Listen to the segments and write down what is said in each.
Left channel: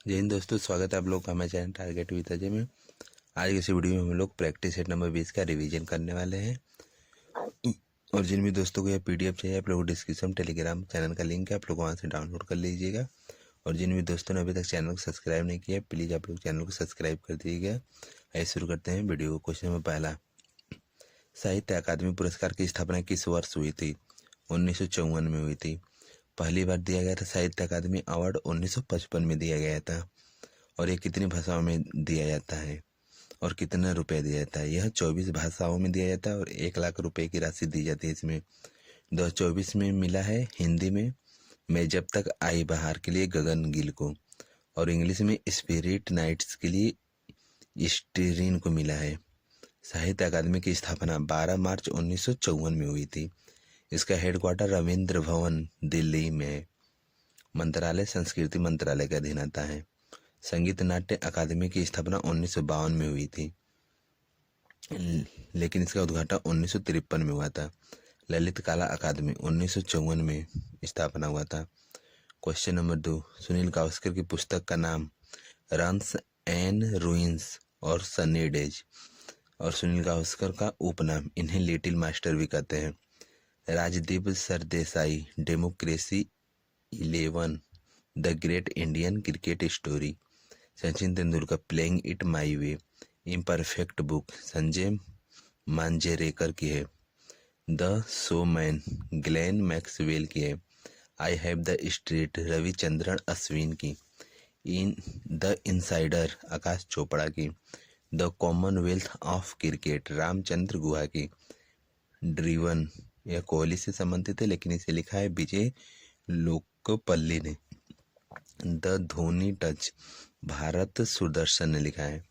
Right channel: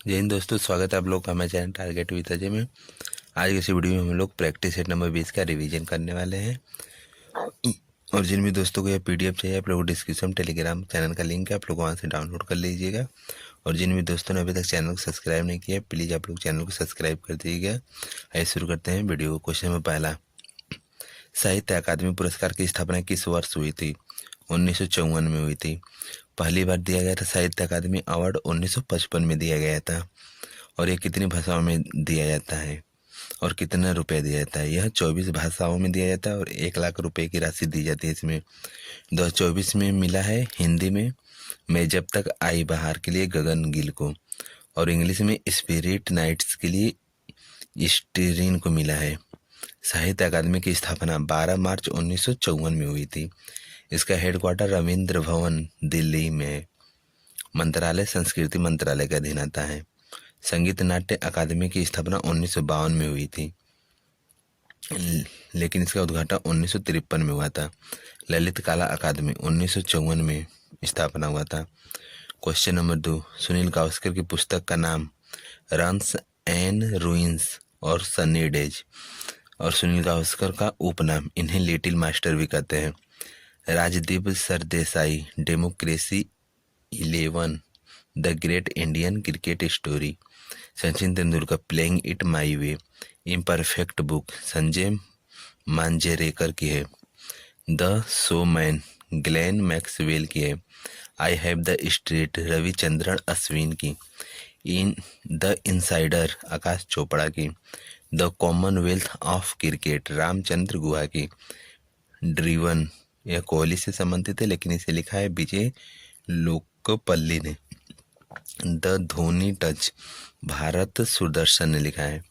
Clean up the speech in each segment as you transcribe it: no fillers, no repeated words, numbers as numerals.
जय हिंद दोस्तों, स्वागत है आप लोग का हमारे चैनल टारगेट विद अजय में। आज की इस वीडियो में हम लोग प्रैक्टिस सेट नंबर 20 का रिवीजन करने वाले हैं। और जिन भी दोस्तों को यह पीडीएफ चाहिए, आप लोग डिस्क्रिप्शन टेलीग्राम चैनल का लिंक है, आप लोग वहाँ से डाउनलोड कर लीजिएगा। और जिन भी दोस्तों ने अभी तक चैनल को सब्सक्राइब नहीं किया, प्लीज़ आप लोग चैनल को सब्सक्राइब कर दीजिएगा। आइए शुरू करते हैं वीडियो। क्वेश्चन नंबर पहला, साहित्य अकादमी पुरस्कार की स्थापना किस वर्ष हुई थी? 1954 में हुई थी। पहली बार दिया गया था साहित्य अकादमी अवार्ड 1955 में दिया गया था। और ये कितनी भाषाओं में दिया जाता है और कितना रुपए दिया जाता है? यह 24 भाषाओं में दिया जाता है और 1 लाख रुपए की राशि दी जाती है इसमें। 2024 में मिला है हिंदी में मैं जब तक आई बहार के लिए गगन गिल को, और इंग्लिश में स्पिरिट नाइट्स के लिए स्टीरिन को मिला है। साहित्य अकादमी की स्थापना 12 मार्च 1954 में हुई थी। इसका हेडक्वार्टर रविंद्र भवन दिल्ली में है। मंत्रालय संस्कृति मंत्रालय का अधीन आता है। संगीत नाट्य अकादमी की स्थापना 1952 में हुई थी, लेकिन इसका उद्घाटन 1953 में हुआ था। ललित कला अकादमी 1954 में स्थापना हुआ था। क्वेश्चन नंबर 2, सुनील गावस्कर की पुस्तक का नाम रन्स एंड रूइंस और सनी डेज। और सुनील गावस्कर का उपनाम, इन्हें लिटिल मास्टर भी कहते हैं। Rajdeep Sardesai, democracy 11, the great Indian cricket story. Sachin Tendulkar, playing it my way. Imperfect book, Sanjay Manjrekar की है। द शोमैन, ग्लेन मैक्सवेल की है। I have the street, Ravichandran Ashwin की। In the insider, Aakash Chopra की। The commonwealth of cricket, Ramachandra Guha की। ड्रीवन, यह कोहली से संबंधित है, लेकिन इसे लिखा है विजय लोकपल्ली ने। द धोनी टच, भारत सुदर्शन ने लिखा है।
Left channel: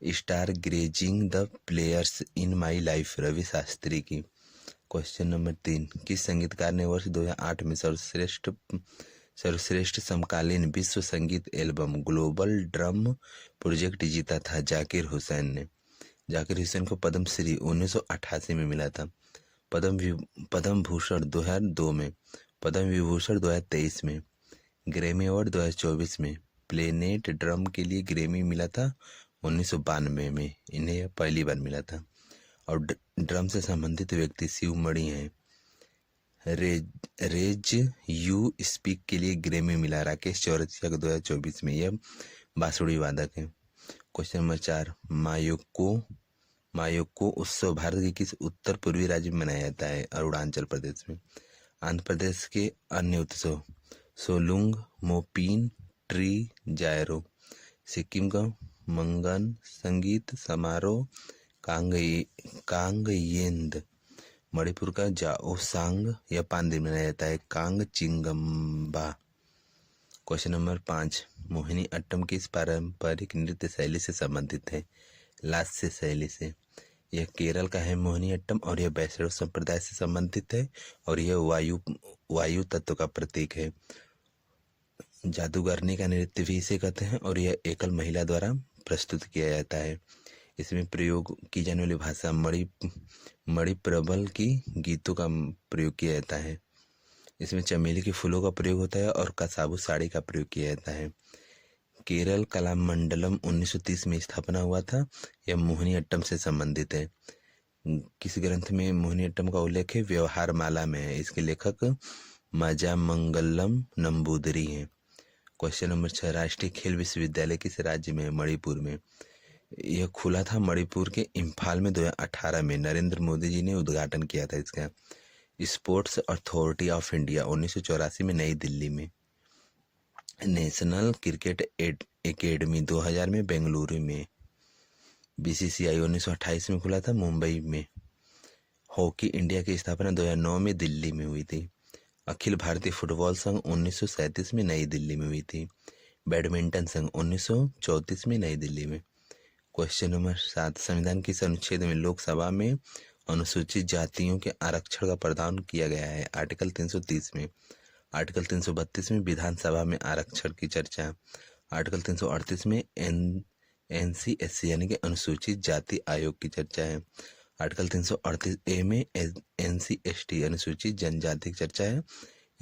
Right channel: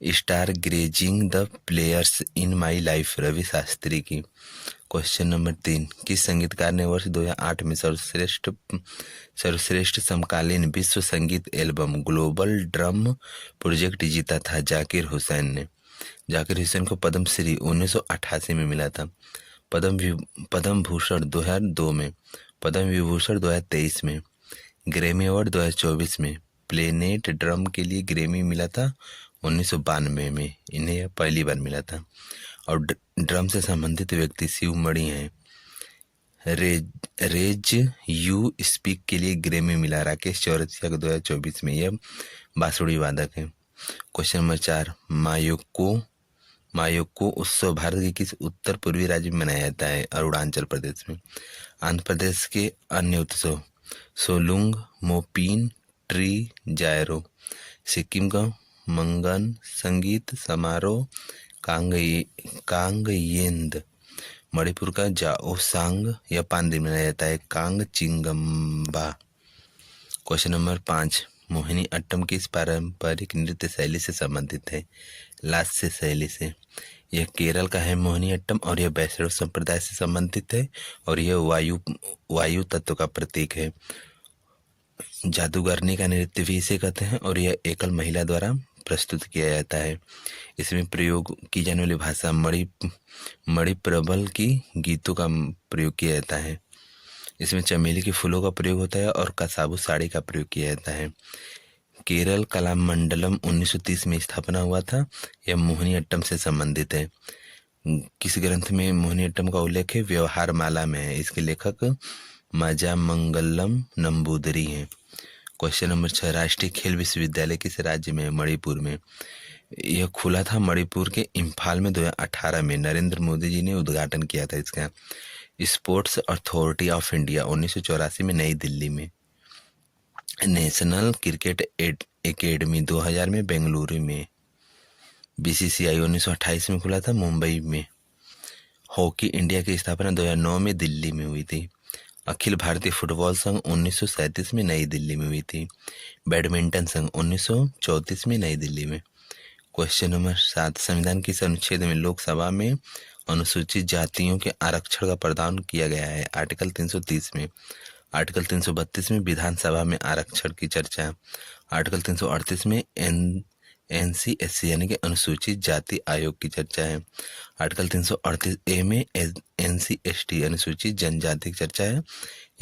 Star gazing the players in my life, Ravi Shastri की। क्वेश्चन नंबर 3, किस संगीतकार ने वर्ष 2008 में सर्वश्रेष्ठ समकालीन विश्व संगीत एल्बम ग्लोबल ड्रम प्रोजेक्ट जीता था? जाकिर हुसैन ने। जाकिर हुसैन को पद्म श्री 1988 में मिला था। पद्म भूषण 2002 में, पद्म विभूषण 2023 में, ग्रैमी अवार्ड 2024 में। प्लेनेट ड्रम के लिए ग्रैमी मिला था 1992 में, इन्हें पहली बार मिला था। और ड्रम से संबंधित व्यक्ति शिवमणि हैं। रेज यू स्पीक के लिए ग्रैमी मिला राकेश चौरसिया को 2024 में, यह बांसुरी वादक है। क्वेश्चन नंबर 4, मायोक्को उत्सव भारत के किस उत्तर पूर्वी राज्य में मनाया जाता है? अरुणाचल प्रदेश में। आंध्र प्रदेश के अन्य उत्सव, सोलुंग, मोपीन, ट्री जायरो। सिक्किम का मंगन संगीत समारोह, कांगयेंद। मणिपुर का जाओसांग, यह 5 दिन मनाया जाता है। Kong चिंगम्बा। Question number 5, Mohini Attam किस पारंपरिक नृत्य शैली से संबंधित है? लास्य शैली से। यह केरल का है मोहिनी अट्टम, और यह वैष्णव संप्रदाय से संबंधित है, और यह वायु तत्व का प्रतीक है। जादूगरनी का नृत्य भी इसे कहते हैं, और यह एकल महिला द्वारा प्रस्तुत किया जाता है। इसमें प्रयोग की जाने वाली भाषा मणिप्रबल की गीतों का प्रयोग किया जाता है। इसमें चमेली के फूलों का प्रयोग होता है और कसाबू साड़ी का प्रयोग किया जाता है। केरल कला मंडलम 1930 में स्थापना हुआ था। यह मोहिनी अट्टम से संबंधित है। किस ग्रंथ में मोहिनी अट्टम का उल्लेख है? व्यवहार माला में है। इसके लेखक माजामंगलम नंबूदरी हैं। क्वेश्चन नंबर 6, राष्ट्रीय खेल विश्वविद्यालय किस राज्य में है? मणिपुर में। यह खुला था मणिपुर के इम्फाल में 2018 में। नरेंद्र मोदी जी ने उद्घाटन किया था इसका। स्पोर्ट्स अथॉरिटी ऑफ इंडिया 1984 में नई दिल्ली में। नेशनल क्रिकेट एकेडमी 2000 में बेंगलुरु में। बीसीसीआई 1928 में खुला था मुंबई में। हॉकी इंडिया की स्थापना 2009 में दिल्ली में हुई थी। अखिल भारतीय फुटबॉल संघ 1937 में नई दिल्ली में हुई थी। बैडमिंटन संघ 1934 में नई दिल्ली में। क्वेश्चन नंबर 7, संविधान किस अनुच्छेद में लोकसभा में अनुसूचित जातियों के आरक्षण का प्रावधान किया गया है? आर्टिकल 330 में। आर्टिकल 332 में विधानसभा में आरक्षण की चर्चा। आर्टिकल 338 में NCSC यानी कि अनुसूचित जाति आयोग की चर्चा है। आर्टिकल 338A में NCST अनुसूचित जनजाति की चर्चा है।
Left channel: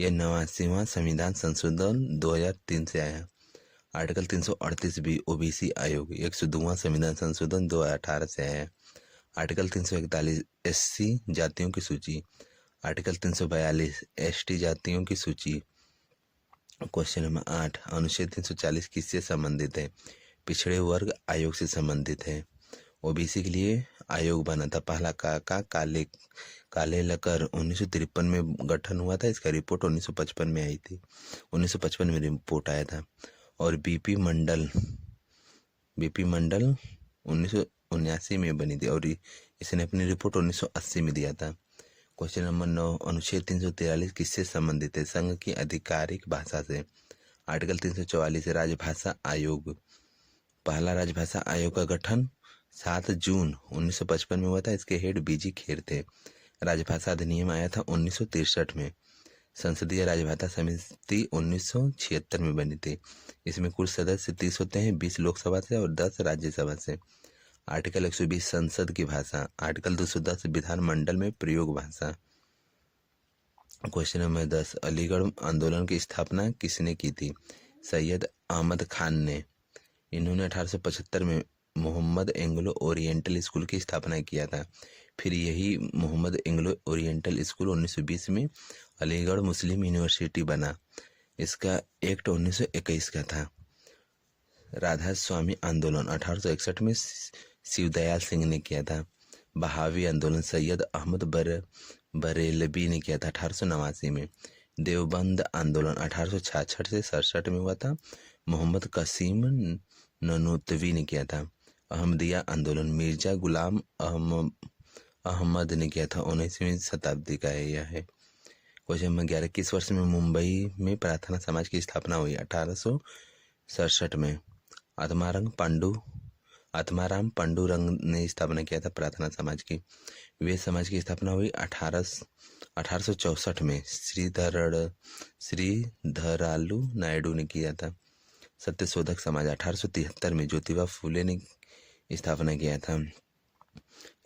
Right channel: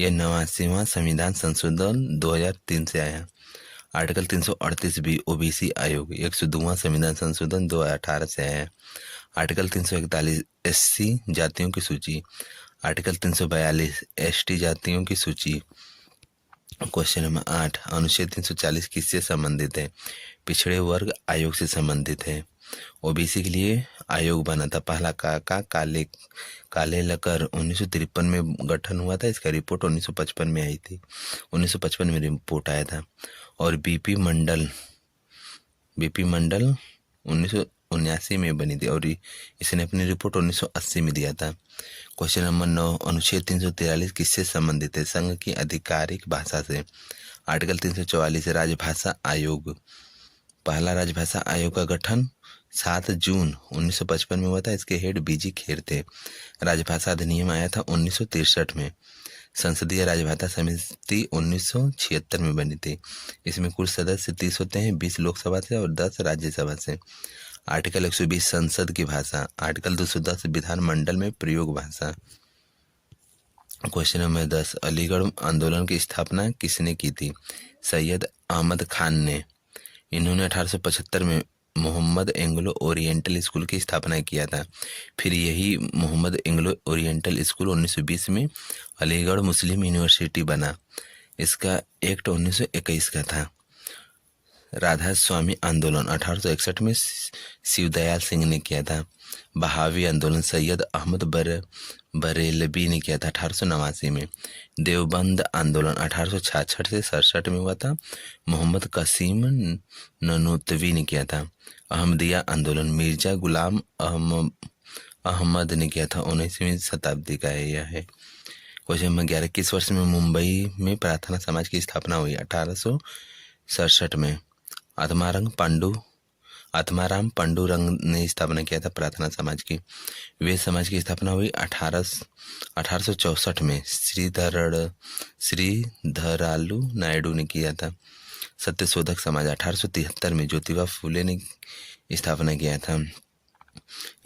यह 89वां संविधान संशोधन 2003 से आया। आर्टिकल 338 बी ओबीसी आयोग 102वां संविधान संशोधन 2018 से है। आर्टिकल 341 एससी जातियों की सूची। आर्टिकल 342 एसटी जातियों की सूची। क्वेश्चन नंबर 8, अनुच्छेद 340 किससे संबंधित है? पिछड़े वर्ग आयोग से संबंधित है। ओबीसी के लिए आयोग बना था पहला काका कालेलकर 1953 में गठन हुआ था। इसका रिपोर्ट 1955 में आई थी, 1955 में रिपोर्ट आया था। और बीपी मंडल 1979 में बनी थी और इसने अपनी रिपोर्ट 1980 में दिया था। क्वेश्चन नंबर 9, अनुच्छेद 343 किससे संबंधित है? संघ की आधिकारिक भाषा से। आर्टिकल 344 राजभाषा आयोग। पहला राजभाषा आयोग का गठन 7 जून 1955 में हुआ था। इसके हेड बीजी खेर थे। राजभाषा अधिनियम आया था 1963 में। संसदीय राजभाषा समिति 1976 में बनी थी। इसमें कुल सदस्य 30 होते हैं, 20 लोकसभा से और 10 राज्यसभा से। आर्टिकल 120 संसद की भाषा। आर्टिकल 210 विधानमंडल में प्रयोग भाषा। क्वेश्चन नंबर 10, अलीगढ़ आंदोलन की स्थापना किसने की थी? सैयद अहमद खान ने। इन्होंने 1875 में मोहम्मद एंग्लो ओरिएंटल स्कूल की स्थापना किया था। फिर यही मोहम्मद एंग्लो ओरिएंटल स्कूल 1920 में अलीगढ़ मुस्लिम यूनिवर्सिटी बना। इसका एक्ट 1921 का था। राधा स्वामी आंदोलन 1861 में शिवदयाल सिंह ने किया था। बहावी आंदोलन सैयद अहमद बरेलवी ने किया था 1889 में। देवबंद आंदोलन 1866 से 67 में हुआ था। मोहम्मद कासिम ननूतवी ने किया था। अहमदिया आंदोलन मिर्जा गुलाम अहमद ने किया था। 19वीं शताब्दी का है यह है। क्वेश्चन नंबर 11, किस वर्ष में मुंबई में प्रार्थना समाज की स्थापना हुई? 1867 में। आत्माराम पांडुरंग ने स्थापना किया था प्रार्थना समाज की। वे समाज की स्थापना हुई 1864 में। श्रीधरालु नायडू ने किया था। सत्यशोधक समाज 1873 में ज्योतिबा फूले ने स्थापना किया था।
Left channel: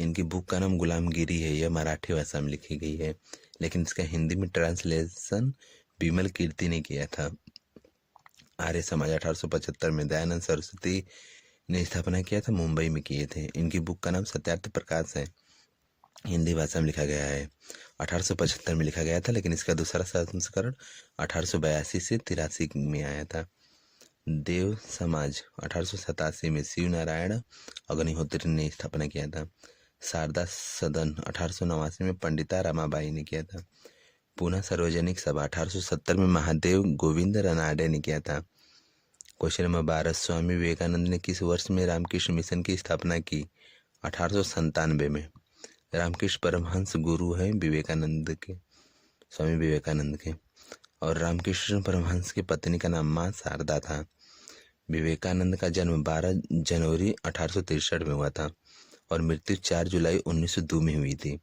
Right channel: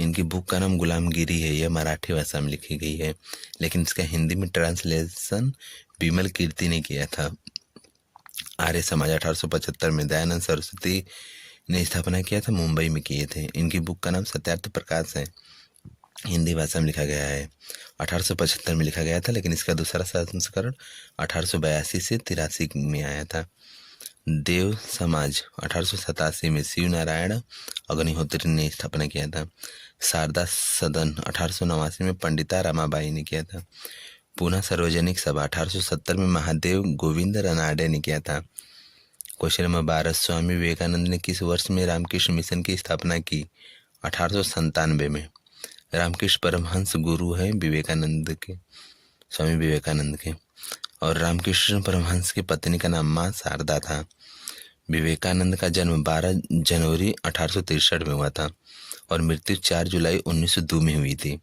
इनकी बुक का नाम गुलामगिरी है। यह मराठी भाषा में लिखी गई है, लेकिन इसका हिंदी में ट्रांसलेशन विमल कीर्ति ने किया था। आर्य समाज 1875 में दयानंद सरस्वती ने स्थापना किया था, मुंबई में किए थे। इनकी बुक का नाम सत्यार्थ प्रकाश है, हिंदी भाषा में लिखा गया है। 1875 में लिखा गया था, लेकिन इसका दूसरा संस्करण 1882 से 83 में आया था। देव समाज 1887 में शिव नारायण अग्निहोत्री ने स्थापना किया था। शारदा सदन 1889 में पंडिता रमाबाई ने किया था। पूना सार्वजनिक सभा 1870 में महादेव गोविंद रनाडे ने किया था। क्वेश्चन नंबर 12, स्वामी विवेकानंद ने किस वर्ष में रामकृष्ण मिशन की स्थापना की? 1897 में। रामकृष्ण परमहंस गुरु हैं विवेकानंद के, स्वामी विवेकानंद के। और रामकृष्ण परमहंस की पत्नी का नाम माँ शारदा था। विवेकानंद का जन्म 12 जनवरी 1863 में हुआ था और मृत्यु 4 जुलाई 1902 में हुई थी।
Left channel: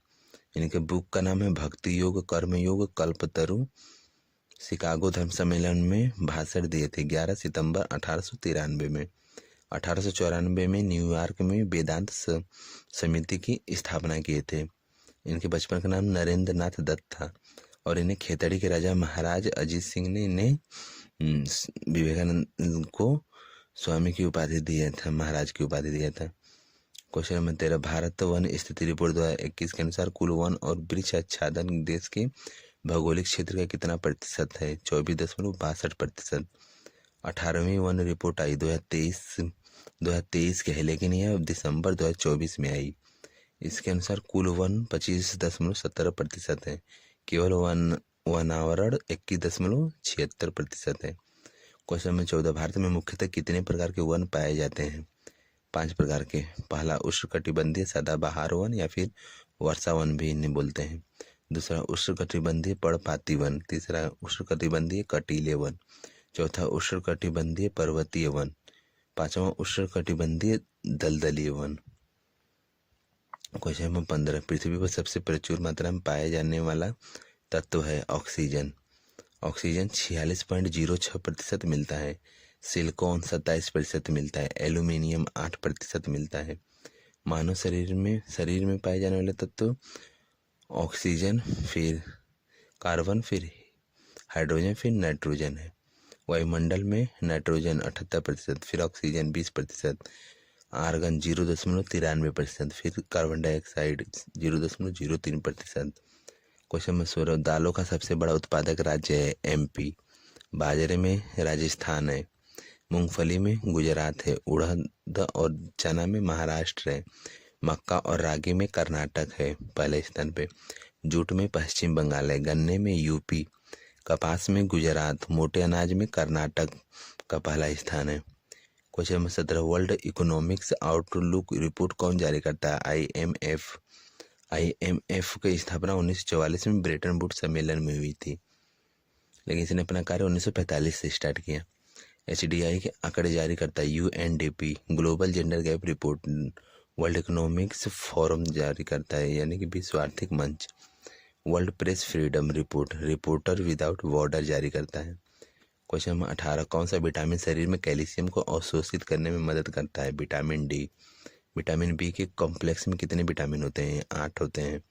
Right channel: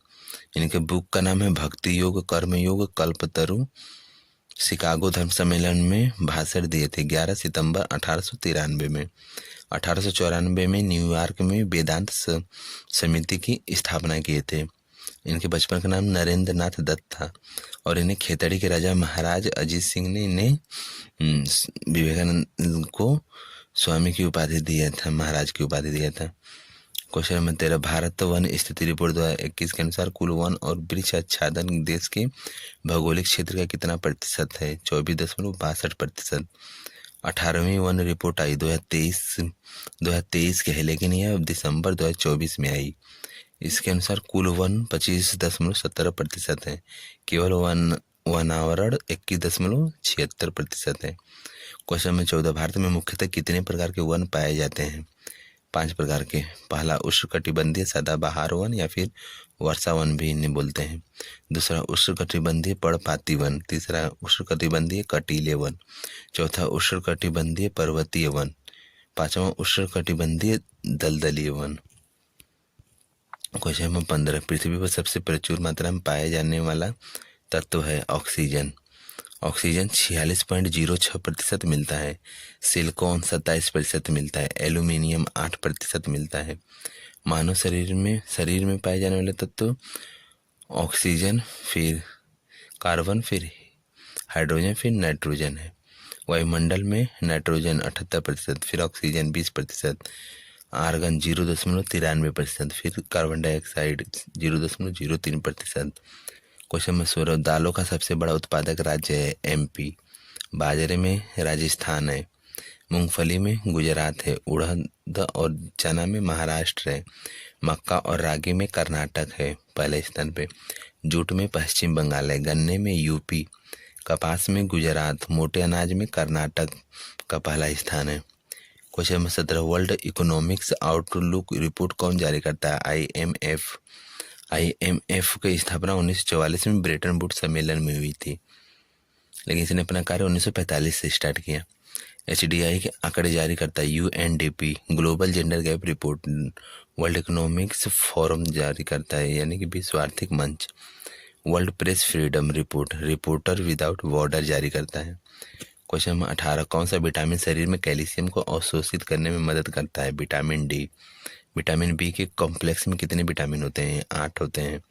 इनके बुक का नाम है भक्ति योग, कर्म योग, कल्पतरु। शिकागो धर्म सम्मेलन में भाषण दिए थे 11 सितंबर 1893 में। 1894 में न्यूयॉर्क में वेदांत समिति की स्थापना किए थे। इनके बचपन का नाम नरेंद्र नाथ दत्त था और इन्हें खेतड़ी के राजा महाराज अजीत सिंह ने इन्हें विवेकानंद को स्वामी की उपाधि दिया था, महाराज की उपाधि दिया था। क्वेश्चन नंबर 13, भारत वन स्थिति रिपोर्ट 2021 के अनुसार कुल वन और वृक्ष आच्छादन देश के भौगोलिक क्षेत्र का कितना प्रतिशत है? 24.62%। 18वीं वन रिपोर्ट आई 2023 के है, लेकिन यह दिसंबर 2024 में आई। इसके अनुसार कुल वन 25.17% है, केवल वनावरण 21.76% है। क्वेश्चन नंबर 14, भारत में मुख्यतः कितने प्रकार के वन पाए जाते हैं? 5 प्रकार के। पहला उष्णकटिबंधीय सदाबहार वन या फिर वर्षा वन भी इन्हें बोलते हैं। दूसरा उष्णकटिबंधीय पर्णपाती वन। तीसरा उष्णकटिबंधीय कटीले वन। चौथा उष्णकटिबंधीय पर्वतीय वन। पांचवा उष्णकटिबंधीय दलदलीय वन। क्वेश्चन नंबर 15, पृथ्वी पर सबसे प्रचुर मात्रा में पाया जाने वाला तत्व है ऑक्सीजन। ऑक्सीजन 46.06% मिलता है। सिलिकॉन 27% मिलता है। एल्यूमिनियम 8% मिलता है। मानव शरीर में पाए जाने वाले तत्व ऑक्सीजन, फिर कार्बन, फिर हाइड्रोजन, फिर नाइट्रोजन है। वायुमंडल में नाइट्रोजन 78%, फिर ऑक्सीजन 20%, आर्गन 0.93%, फिर कार्बन डाइऑक्साइड 0.03%। क्वेश्चन नंबर 16, दालों का सबसे बड़ा उत्पादक राज्य है एमपी, बाजरे में राजस्थान है, मूंगफली में गुजरात है, उड़द और चना में महाराष्ट्र है, मक्का और रागी में कर्नाटक है पहले स्थान पे, जूट में पश्चिम बंगाल है, गन्ने में यूपी, कपास में गुजरात, मोटे अनाज में कर्नाटक का पहला स्थान है। Question number 17, world economics outlook report कौन जारी करता है? आईएमएफ। आईएमएफ की स्थापना 1944 में ब्रेटन वुड्स सम्मेलन में हुई थी, लेकिन इसने अपना कार्य 1945 से स्टार्ट किया। एचडीआई के आंकड़े जारी करता है UNDP, global gender gap report world economics forum जारी करता है, यानी कि विश्व आर्थिक मंच। World press freedom report reporter without border जारी करता है। क्वेश्चन नंबर 18, कौन सा विटामिन शरीर में कैल्शियम को अवशोषित करने में मदद करता है? Vitamin D. विटामिन बी के कॉम्प्लेक्स में कितने विटामिन होते हैं? 8 होते हैं।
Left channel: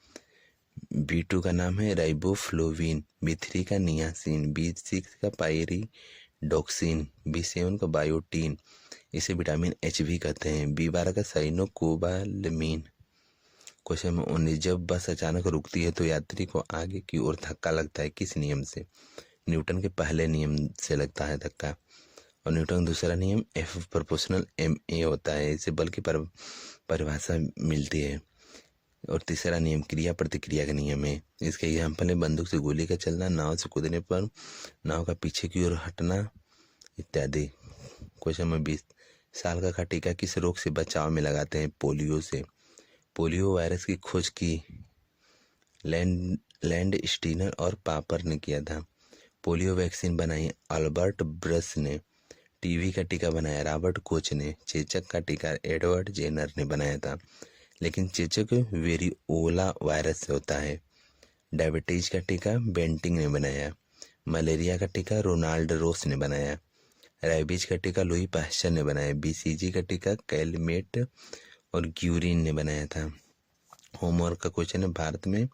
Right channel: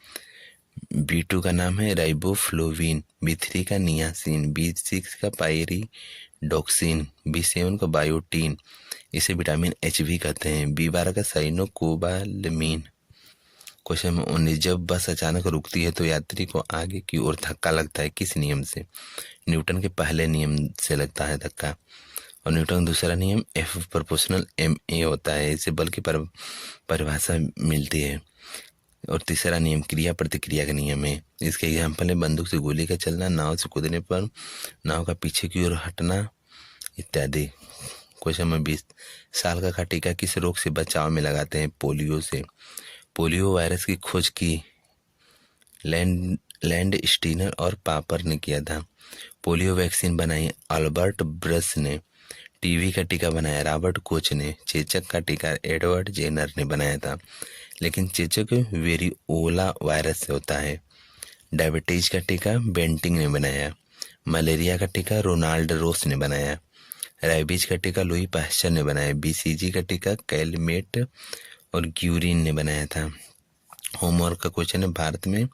बी2 का नाम है राइबोफ्लोविन, बी3 का नियासिन, बी6 का पायरिडॉक्सिन, बी7 का बायोटीन, इसे विटामिन एच भी कहते हैं। बी12 का साइनोकोबालामीन। क्वेश्चन नंबर 19, जब बस अचानक रुकती है तो यात्री को आगे की ओर धक्का लगता है, किस नियम से? न्यूटन के पहले नियम से लगता है धक्का। और न्यूटन का दूसरा नियम एफ प्रोपोर्शनल एम ए होता है, इससे बल की परिभाषा मिलती है। और तीसरा नियम क्रिया प्रतिक्रिया का नियम है। इसके एग्जाम्पल है बंदूक से गोली का चलना, नाव से कूदने पर नाव का पीछे की ओर हटना इत्यादि। क्वेश्चन नंबर 20, साल का टीका किस रोग से बचाव में लगाते हैं? पोलियो से। पोलियो वायरस की खोज की लैंड स्टीनर और पापर ने किया था। पोलियो वैक्सीन बनाई अल्बर्ट ब्रस ने। टीबी का टीका बनाया रॉबर्ट कोच ने। चेचक का टीका एडवर्ड जेनर ने बनाया था, लेकिन चेचक वेरिओला वायरस से होता है। डायबिटीज का टीका बेंटिंग ने बनाया। मलेरिया का टीका रोनाल्ड रोस ने बनाया। रेबीज का टीका लुई पास्चर ने बनाया। बीसीजी का टीका कैलमेट और ग्यूरिन ने बनाया था। होमवर्क का क्वेश्चन है, भारत में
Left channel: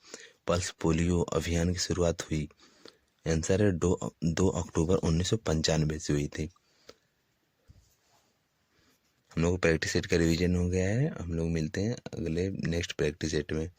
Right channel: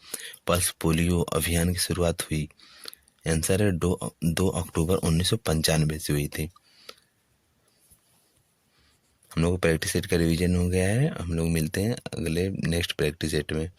पल्स पोलियो अभियान की शुरुआत हुई? आंसर है 2 अक्टूबर 1995 से हुई थी। हम लोग प्रैक्टिस सेट का रिवीजन हो गया है। हम लोग मिलते हैं अगले नेक्स्ट प्रैक्टिस सेट में।